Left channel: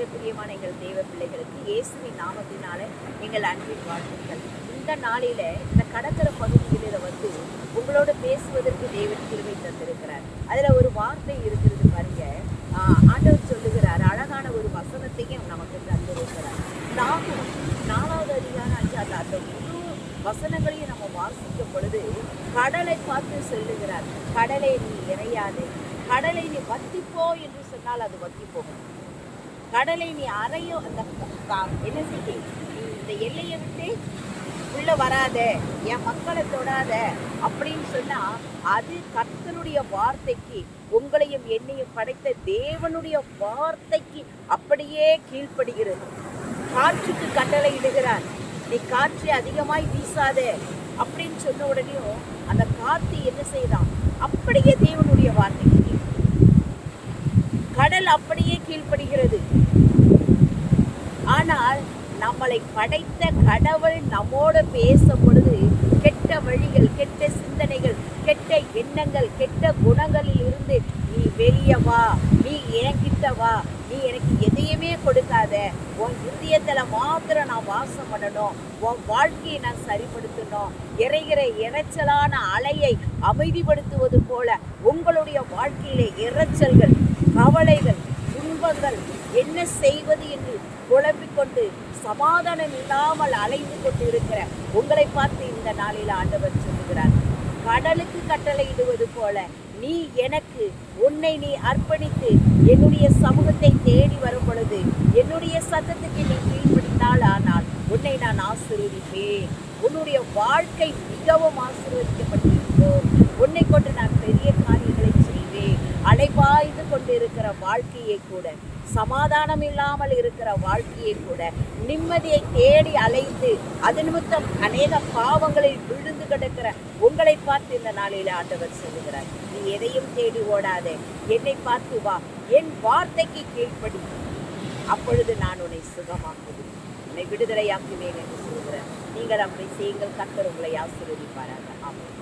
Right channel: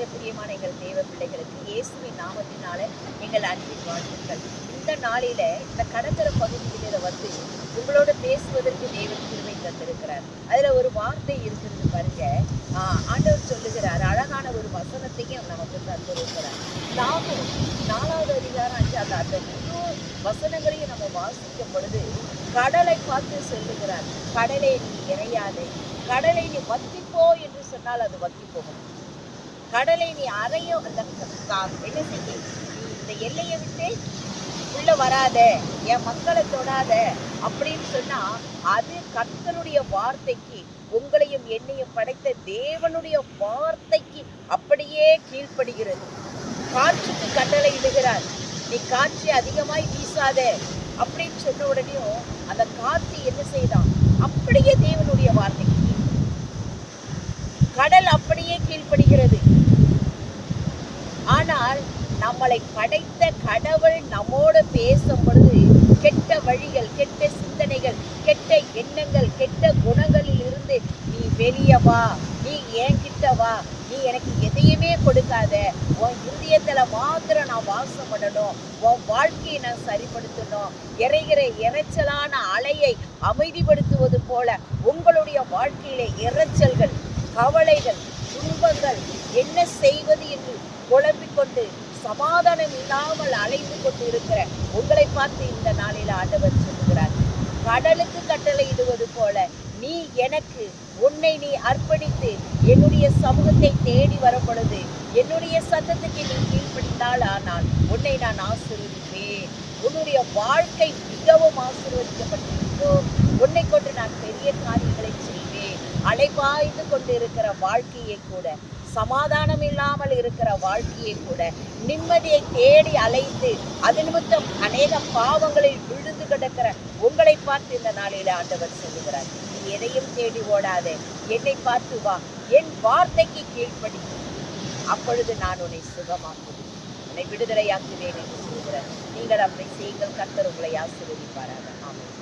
மிக பிரியமான எங்கள் தேவ பிள்ளைகளுக்கு இயேசுவின் நாமத்தினால எங்கள் அன்பின் வாழ்த்துக்கள். இந்த நாளில இந்த கடற்கர பகுதியில வந்து உங்களோட பேசுவதற்கு தேவன் கிருபை தந்திருக்கிறார். அதுல ஒரு வார்த்தை இருக்கிறது பாருங்க. ஆண்டவர் சொல்லுகிறார், அழகான ஒரு வசனத்தையும் நமக்கு தந்திருக்கிறார். நாமும் 4வது அதிகாரம் 5 அந்த முழு வசனங்களையும் நம்ம வாசிக்கும் பொழுது கடலை பார்த்து சொல்லுகிறார், கடலை நீ இறையாதே, கடலை நீ வத்திப்போ என்று சொன்னால் அது வத்தி போகும். கடலை நீ அறையோ அந்த என்ன செய்ய, நீ இந்த எல்லையை விட்டு உள்ள வராத, என் மக்களை தொடாத அப்படின்னு சொன்னா அது கர்த்தருடைய வார்த்தைக்கு, உங்களையும் என்னையும் படைத்த தேவனுடைய வார்த்தைக்கு அப்படியே கீழ்ப்படுகிறது. காற்றுக்கு கட்டளை இடுகிறார், நீ காற்று அதிகமாய் வீசாத அப்படின்னு சொன்ன உடனேயும் அந்த காத்து என்ன செய்தான், அப்படியே தேவனுடைய வார்த்தைக்கு கடல் அப்படியே கீழ்ப்படுகிறது. ஆனால் நம்மளை படைத்த கடவுள் நம்மோடு பேசும் பொழுது கெட்ட வழிகள், கெட்ட சிந்தனைகள், கெட்ட எண்ணங்கள், கெட்ட குணங்களில் இருந்து நீ வெளியே வா, நீ என்கிட்ட வா, நீ எனக்கு எதையுமே கொடுக்காத, உன் இருதயத்துல மாத்திரம் நான் வாசம் பண்ணணும், உன் வாழ்க்கையை நான் சரிப்படுத்தணும், இறைகிற இறைச்சலான அலையை அமைதிப்படுத்துவது போல உங்களுடைய வாழ்க்கையிலே இறைச்சல்கள், கவலைகள், துன்பங்கள், என்ன செய்வது என்று குழம்பிக்கொண்டு சமாதானம் இல்லாமல் அலைந்து கொண்டு இருக்கிற உங்களை பார்த்து இந்த நாளில் ஆண்டவர் சொல்லுகிறார், கடலுக்கு கட்டளை இடுவது போல நீ எனக்கு உன்னை நீ அர்ப்பணித்து என்னுடைய சமூகத்தை தேடி வரும் பொழுது என்னுடைய சத்தத்துக்கு நீ கீழ்ப்படிந்தால் ஆனால் உன்னை நான் ஆசீர்வதிப்பேன். உன்னுடைய வாழ்க்கை மிகவும் ஆசீர்வதிக்கப்பட்டிருக்கும். உன்னை கொண்டு நான் பெரிய காரியங்களை செய்வேன். அலைபாய்ந்து கொண்டு இருக்கிற வாழ்க்கையை கூட, சமாதானம் இல்லாமல் இருக்கிற வாழ்க்கையை கூட, நிம்மதியை தேடி அலைந்து அது நிமித்தம் அநேக பாவங்களில் விழுந்து கிடக்கிற உங்களை பார்த்து இந்த நாளில ஆண்டவர் சொல்லுகிறார், நீ எதையும் தேடி ஓடாதே, என்னை பார்த்து வா, என் வார்த்தைக்கு கீழ்ப்படி, அப்பொழுது நான் உன்னை சுகமாக்குவேன், உன்னை விடுதலையாக்குவேன் என்று சொல்கிறார். நீங்கள் அப்படி செய்யுங்கள். கர்த்தர் உங்களை ஆசீர்வதிப்பாராக. ஆமென்.